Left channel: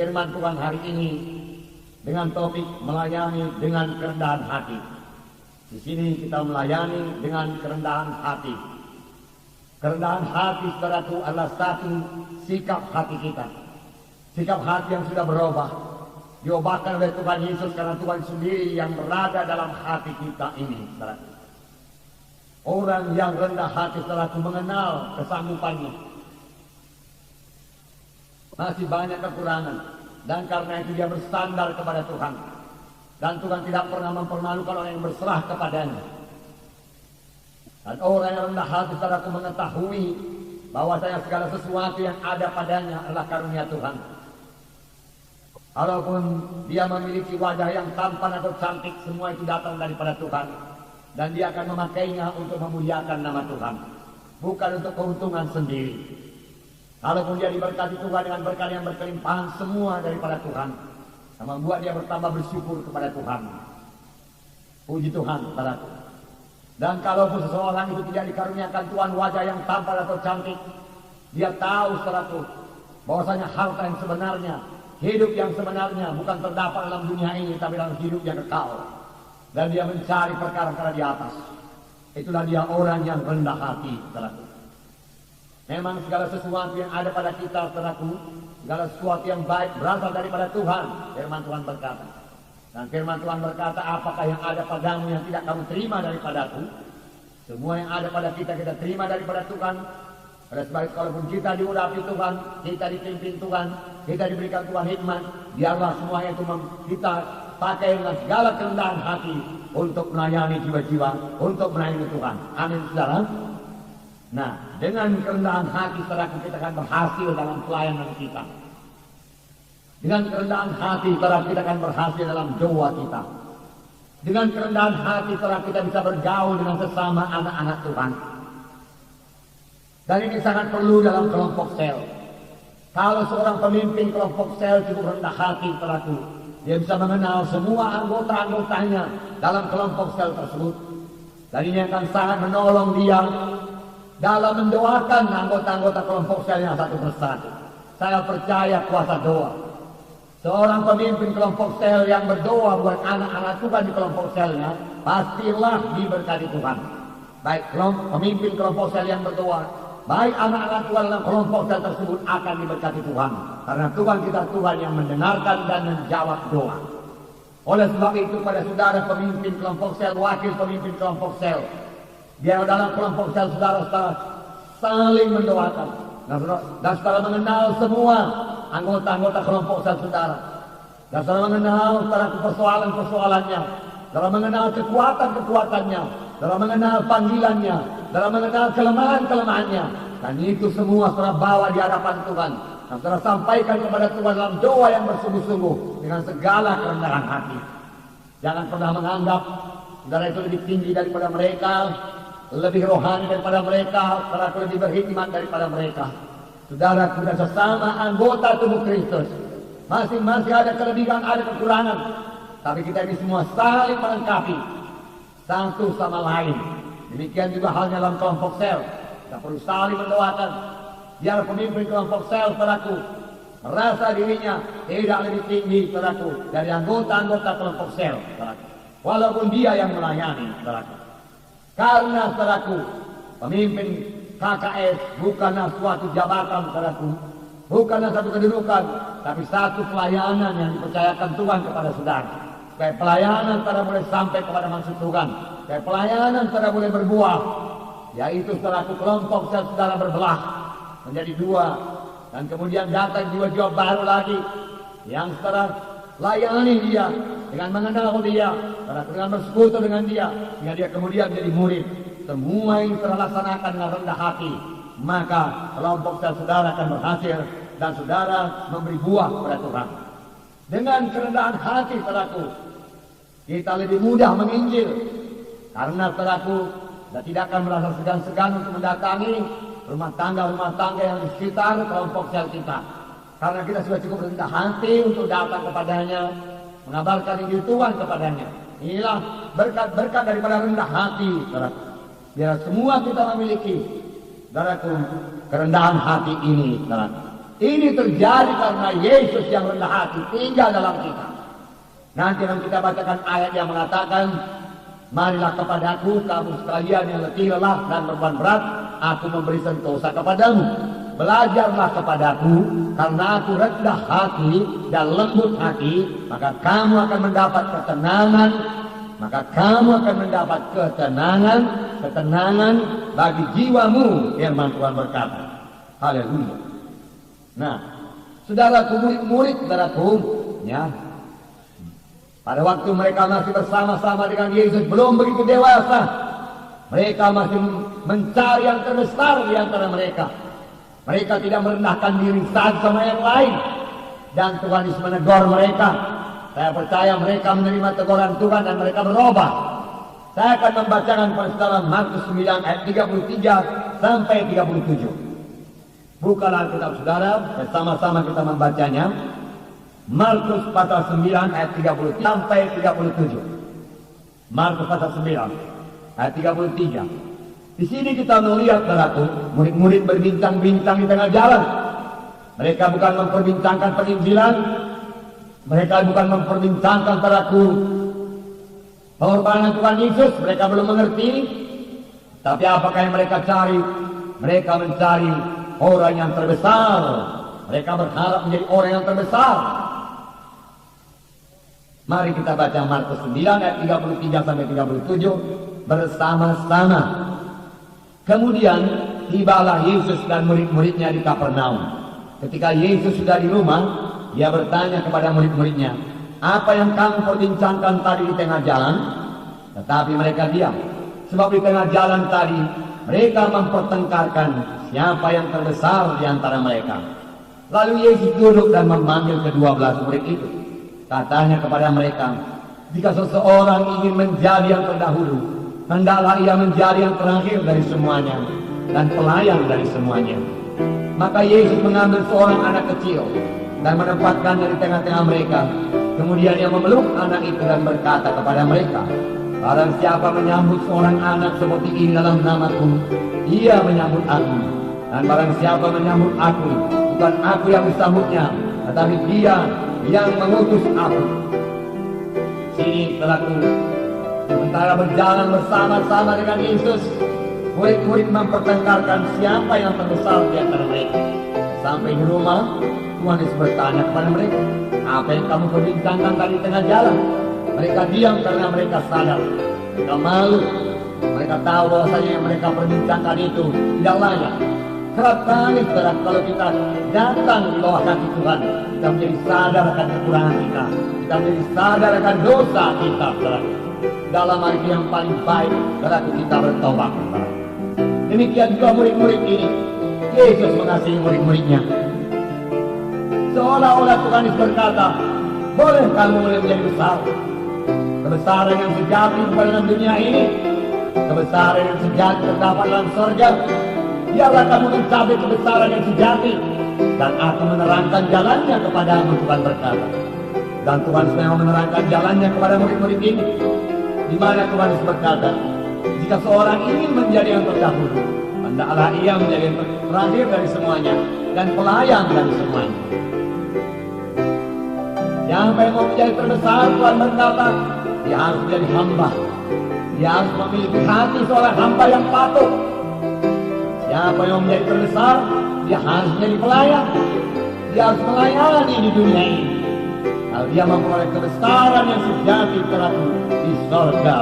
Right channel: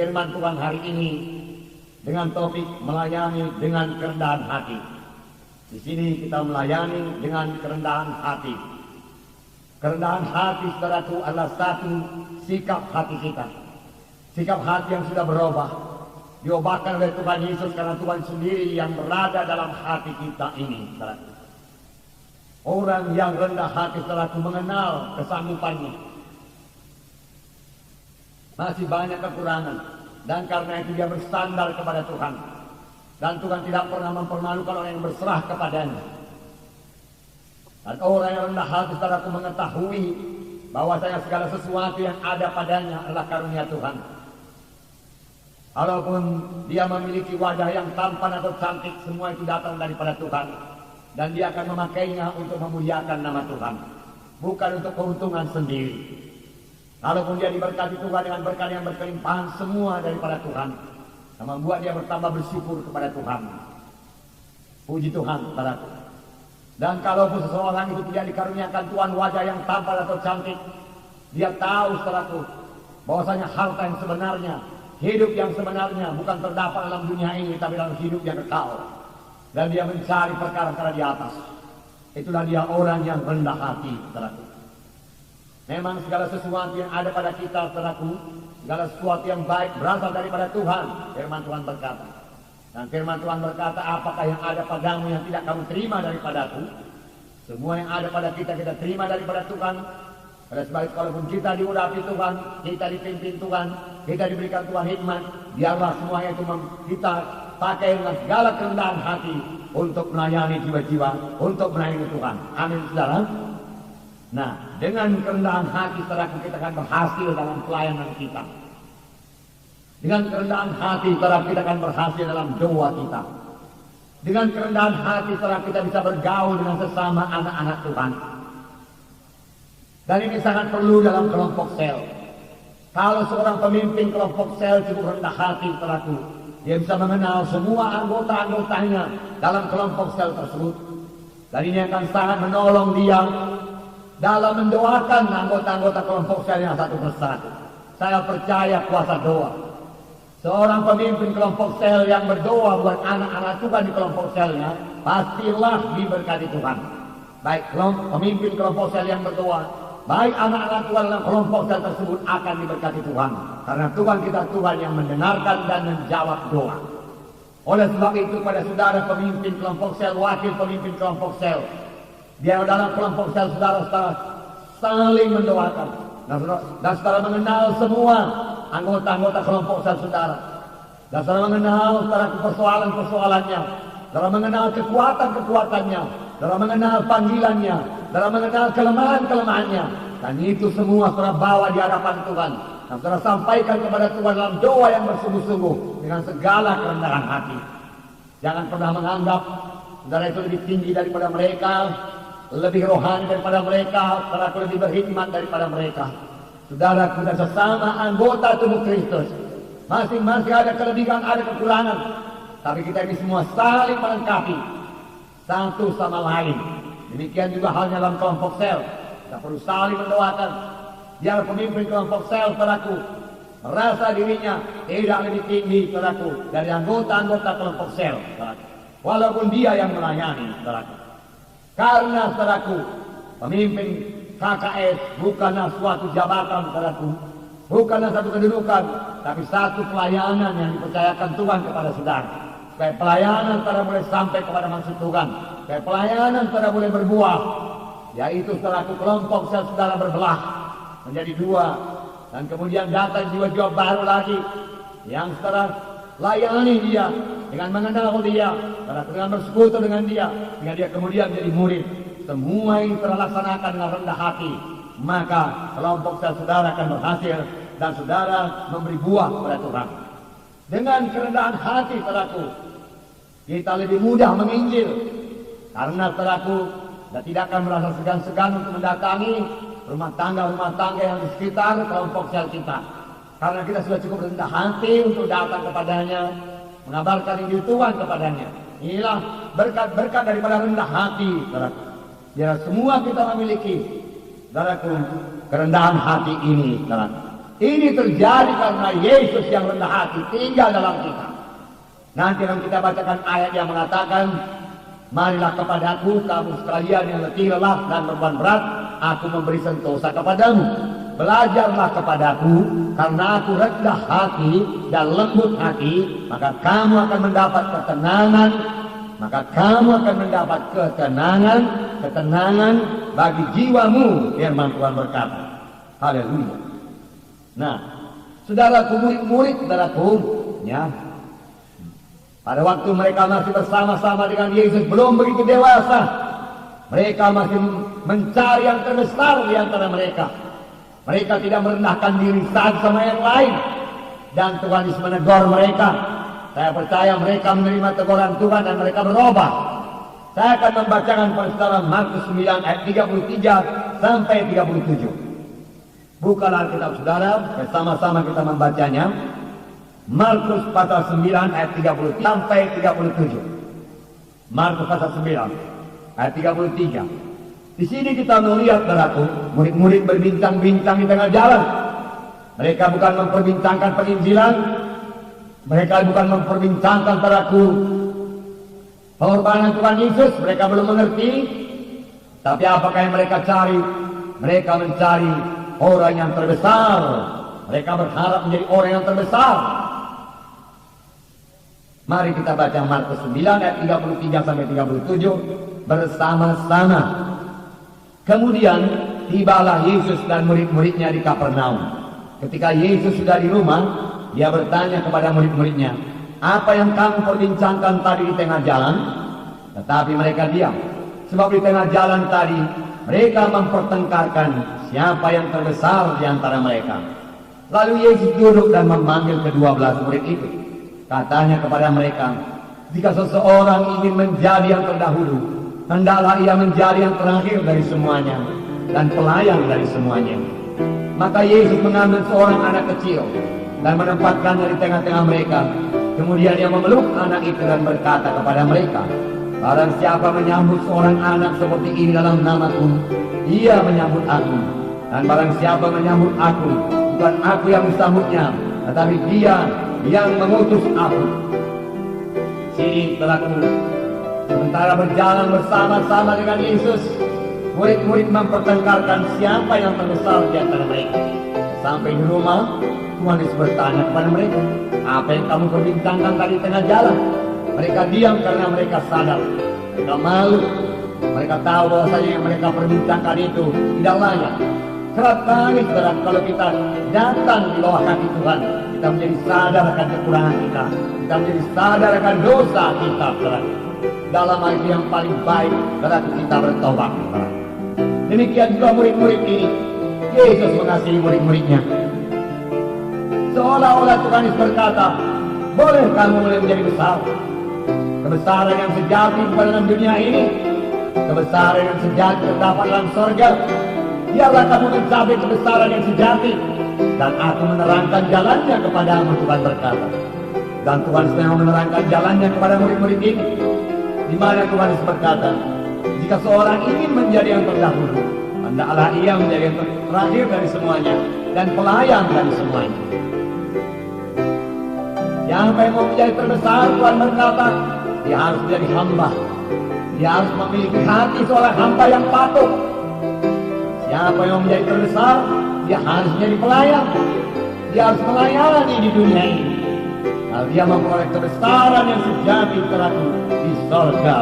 firman Tuhan hari ini dengan topik melayani dengan kerendahan hati. Di sini kita melayani dengan kerendahan hati. Kerendahan hati, saudaraku, adalah satu sikap hati kita. Sikap hati yang sudah berubah. Diubahkan oleh Tuhan Yesus karena Tuhan sendiri yang berada dalam hati kita ini, saudaraku. Orang yang rendah hati, saudaraku, mengenal kesanggupannya. Masih banyak kekurangan. Dan karena itu dia bersandar kepada Tuhan. Dan Tuhan tidak pernah mempermalukan orang yang berserah kepadanya. Dan orang yang rendah hati, saudaraku, mengetahui bahwasanya segala sesuatu yang ada padanya adalah karunia Tuhan. Walaupun dia memiliki wajah yang tampan atau cantik, semua itu datang daripada Tuhan. Dan dia akan memakainya untuk memuliakan nama Tuhan, bukan untuk keuntungan sendiri. Walaupun dia diberkati Tuhan dengan berkat yang berkelimpahan, semua daripada Tuhan, yang membuat dia bertambah bersyukur kepada Tuhan. Puji Tuhan, saudaraku. Dan kalaupun seseorang itu tidak dikaruniakan Tuhan wajah yang tampan atau cantik, dia tahu, saudaraku, bahwasanya harta yang sebenarnya, hidup yang sebenarnya bukan terdapat dalam dunia ini, tapi dalam hidup yang kekal. Dan dia mencari perkara-perkara di atas. Itulah dia orang yang rendah hati, saudaraku. Memang segala sesuatu yang ada pada kita, saudaraku, segala sesuatu yang baik berasal daripada Tuhan. Firman Tuhan berkata. Dan firman Tuhan berkata, apakah yang ada padamu yang tidak kamu terima daripadaku? Semua yang ada pada kita, kita terima daripada Tuhan. Oleh sebab itu, kalaupun kita diurapi Tuhan, kita dipimpin Tuhan, kita diberikan Tuhan hikmat, biarlah semuanya itu kita pakai dengan segala kerendahan hati untuk melayani jiwa-jiwa, untuk melayani Tuhan. Amin, saudara. Nah, dengan kerendahan hati, saudara, kita akan berhasil dalam pelayanan kita. Dengan kerendahan hati, saudara, kita akan berhasil dalam doa kita. Dengan kerendahan hati, saudara, kita bisa bergaul dengan sesama anak-anak Tuhan. Dan ini sangat perlu dalam kelompok sel. Kalau seorang pemimpin kelompok sel cukup rendah hati, saudaraku, dia bisa mengenal semua anggota-anggotanya dalam kelompok sel tersebut. Dan ini akan sangat menolong dia dalam mendoakan anggota-anggota kelompok selnya satu persatu. Saya percaya kuasa doa. Seorang pemimpin kelompok sel yang berdoa buat anak-anak Tuhan di kelompok selnya, pastilah diberkati Tuhan. Baik pemimpin kelompok sel yang berdoa, baik anak-anak Tuhan dalam kelompok sel tersebut akan diberkati Tuhan. Karena Tuhan kita Tuhan yang mendengarkan dan menjawab doa. Oleh sebab itu, pada saudara pemimpin kelompok sel, wakil pemimpin kelompok sel, dia dalam kelompok sel saudara-saudara saling mendoakan. Dan saudara mengenal semua anggota-anggota kelompok sel saudara. Dan saudara mengenal saudara persoalan-persoalannya. Saudara mengenal kekuatan-kekuatannya. Saudara mengenal panggilannya. Saudara mengenal kelemahan-kelemahannya. Dan itu semua saudara bawa di hadapan Tuhan. Dan saudara sampaikan kepada Tuhan dalam doa yang bersungguh-sungguh dengan segala kerendahan hati. Jangan pernah menganggap saudara itu lebih tinggi daripada mereka, lebih rohani daripada mereka, saudara lebih berhikmat daripada mereka. Saudara, kita sesama anggota tubuh Kristus, masing-masing ada kelebihan, ada kekurangan, tapi kita ini semua saling melengkapi satu sama lain. Demikian juga halnya dalam kelompok sel, kita perlu saling mendoakan. Biar pemimpin kelompok sel, saudaraku, merasa dirinya tidak lebih tinggi, saudaraku, dari anggota-anggota kelompok sel, saudaraku, walaupun dia yang melayani, saudaraku. Karena, saudaraku, pemimpin KKS bukanlah suatu jabatan, saudaraku, bukanlah satu kedudukan, tapi satu pelayanan yang dipercayakan Tuhan kepada saudara. Supaya pelayanan saudara boleh sampai kepada maksud Tuhan, supaya pelayanan saudara boleh berbuah, yaitu saudaraku, kelompok saudara berbelah menjadi dua, dan kemudian datang jiwa-jiwa baru lagi yang saudara layani dia dengan mengenal dia, saudara dengan bersekutu dengan dia, sehingga dia kemudian menjadi murid. Semua yang terlaksanakan dengan rendah hati, maka kelompok saudara akan berhasil dan saudara memberi buah kepada Tuhan. Dengan kerendahan hati, saudaraku, kita lebih mudah menginjil, karena saudaraku, kita tidak akan merasa segan-segan untuk mendatangi rumah tangga yang di sekitar kelompok sel kita, karena kita sudah cukup rendah hati untuk datang kepadanya, mengabarkan Injil Tuhan kepadanya. Inilah berkat-berkat daripada rendah hati, saudaraku. Biar semua kita memiliki, saudaraku, kerendahan hati ini, saudaraku. Ini terjadi karena Yesus yang rendah hati tinggal dalam kita. Nanti akan kita bacakan ayat yang mengatakan, marilah kepadaku kamu sekalian yang letih lelah dan beban berat, aku memberi sentosa kepadamu. Belajarlah kepadaku, karena aku rendah hati dan lembut hati, maka kamu akan mendapat ketenangan. Maka kamu akan mendapat ketenangan bagi jiwamu, firman Tuhan berkata. Haleluya. Nah, saudaraku, murid-murid, saudaraku, ya, pada waktu mereka masih bersama-sama dengan Yesus belum begitu dewasa, mereka masih mencari yang terbesar di antara mereka. Mereka tidak merendahkan diri satu sama yang lain, dan Tuhan Yesus menegur mereka. Saya percaya mereka menerima teguran Tuhan dan mereka berubah. Saya akan membacakan pada Markus 9 ayat 33 sampai 37. Bukalah Alkitab saudara, bersama-sama kita membacanya. Markus pasal 9 ayat 33 sampai 37. Markus pasal 9 ayat 33. Di sini kita melihat, saudaraku, murid-murid berbincang-bincang di tengah jalan. Mereka bukan memperbincangkan penginjilan, mereka bukan memperbincangkan, saudaraku, pengorbanan Tuhan Yesus. Mereka belum mengerti. Tapi apakah yang mereka cari? Mereka mencari orang yang terbesar. Mereka berharap menjadi orang yang terbesar. Mari kita baca Markus 9 ayat 33 sampai 37 bersama-sama. Kemudian tibalah Yesus dan murid-muridnya di Kapernaum. Ketika Yesus sudah di rumah, dia bertanya kepada murid-muridnya, apa yang kamu perbincangkan tadi di tengah jalan? Tetapi mereka diam. Sebab di tengah jalan tadi mereka mempertengkarkan siapa yang terbesar di antara mereka. Lalu Yesus duduk dan memanggil ke-12 murid itu. Katanya kepada mereka, jika seseorang ingin menjadi yang terdahulu, hendaklah ia menjadi yang terakhir dari semuanya dan pelayan dari semuanya. Maka Yesus mengambil seorang anak kecil dan menempatkannya di tengah-tengah mereka. Kemudian ia memeluk anak itu dan berkata kepada mereka, barang siapa menyambut seorang anak seperti ini dalam namaku, ia menyambut aku. Dan barang siapa menyambut aku, bukan aku yang disambutnya, tetapi dia yang mengutus aku. Sini telah sementara berjalan bersama-sama dengan Yesus, murid-murid mempertengkarkan siapa yang terbesar di antara mereka. Sampai di rumah, Tuhan Yesus bertanya kepada mereka, apa yang kamu perbincangkan tadi tengah jalan? Mereka diam karena mereka sadar, mereka malu. Mereka tahu bahwasanya yang mereka perbincangkan itu tidak layak. Kerap kali kalau kita datang di bawah kaki Tuhan, kita menjadi sadar akan kekurangan kita, kita menjadi sadar akan dosa kita. Dalam hal yang paling baik adalah kita bertobat. Demikian juga murid-murid ini, Yesus mengasihi murid-muridnya. Seolah-olah Tuhan berkata, boleh kamu menjadi besar. Kebesaran yang sejati dalam dunia ini, kebesaran yang sejati terdapat dalam surga. Biarlah kamu mencapai kebesaran yang sejati, dan aku menerangkan jalannya kepadamu, Tuhan berkata. Dan Tuhan sedang menerangkan jalannya kepada murid-murid ini. Di mana Tuhan berkata, jika seorang ingin menjadi yang terdahulu, hendaklah ia menjadi yang terakhir dari semuanya dan pelayan dari semuanya. Siapa yang mau menjadi terbesar, Tuhan berkata, dia harus menjadi hamba. Dia harus memiliki hati seorang hamba yang patuh. Siapa yang menjadi terbesar, dia harus menjadi pelayan. Dia harus melayani di dunia ini. Dan dia memperoleh kebesaran yang sejati terhadap di surga.